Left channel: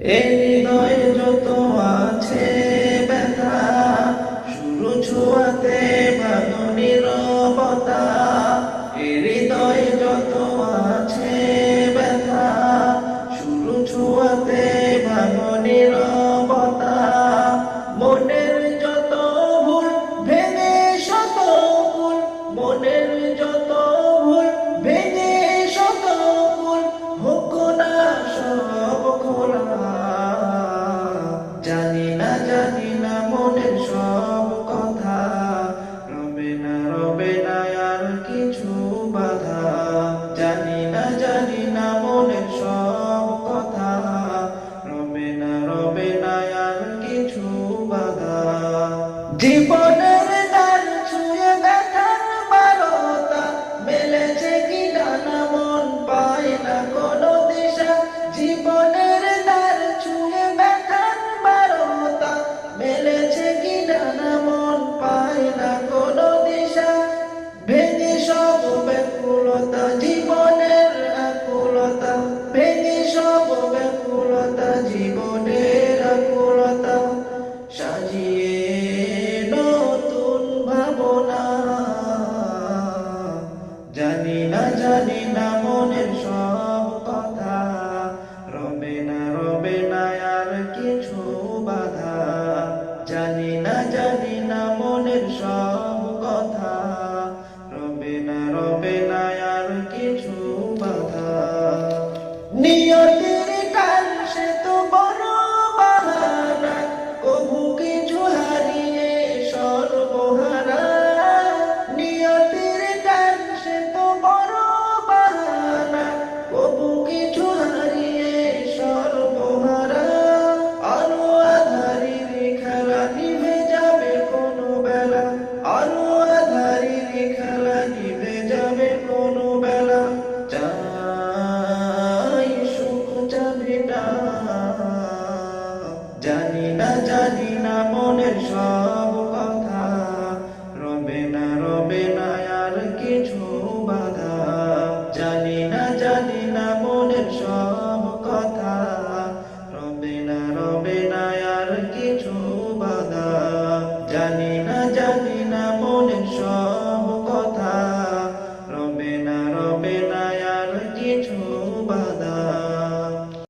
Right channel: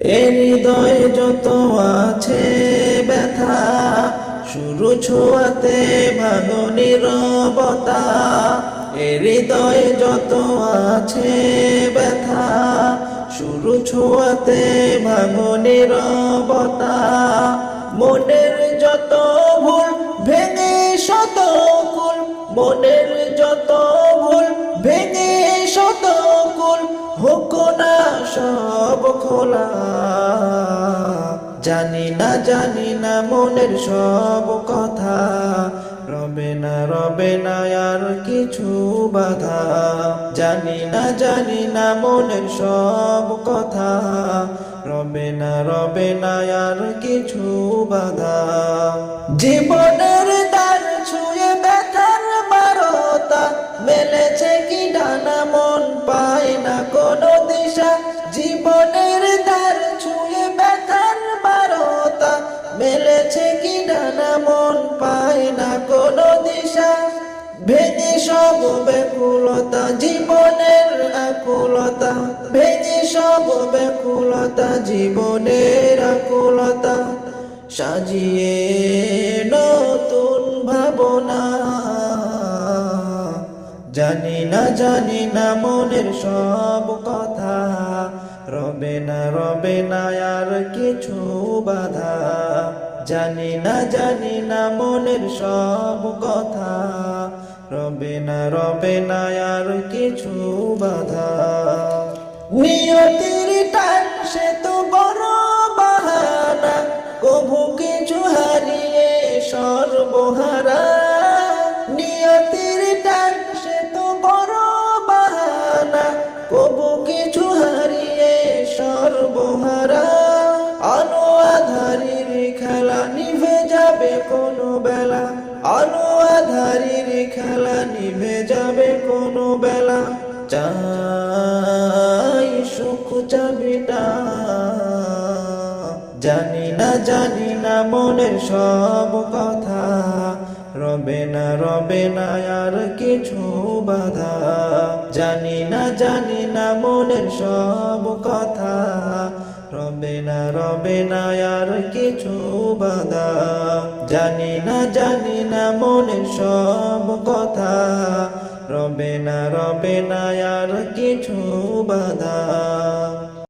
এ হৃদয়ে যত আছে ব্যথা, শুরু ছোঁয়াতে ভাঙো নীরবতা। এ হৃদয়ে যত আছে ব্যথা, শুরু ছোঁয়াতে ভাঙো নীরবতা। মনের যত ভুল ভেঙে শত কুল, মনের যত ভুল ভেঙে শত কুল, হোক না সব খোলা। জানি না মনের সব কথা, রবে না আর কিছু বাধা। জানি না মনের সব কথা, রবে না আর কিছু বাধা। জীবনের দ্বার ছুঁয়ে ব্যথার বারতা, মেলেছে কি ডানা মন পায় না কোনো দিশা। জীবনের দ্বার ছুঁয়ে ব্যথার বারতা, মেলেছে কি ডানা মন পায় না কোনো দিশা। ভেঙে সব ব্যাকুলতা জীবনের আকুলতা, ভেঙে সব ব্যাকুলতা জীবনের আকুলতা, সাজিয়ে নতুন ভাবনা। জানি না মনের সব কথা, রবে না আর কিছু বাধা। জানি না মনের সব কথা, রবে না আর কিছু বাধা। নিয়তির টান সে তো বড় বাহানা, কভু কিছু হারিয়ে সর্বহারা। নিয়তির টান সে তো বড় বাহানা, কভু কিছু হারিয়ে সর্বহারা। আলো আধারির খেলা নিভে যাবে কোনো বেলা, আলো আধারির খেলা নিভে যাবে কোনো বেলা। চাই সুখ চাবিটা, জানি না মনের সব কথা, রবে না আর কিছু বাধা। জানি না মনের সব কথা, রবে না আর কিছু বাধা। জানি না মনের সব কথা, রবে না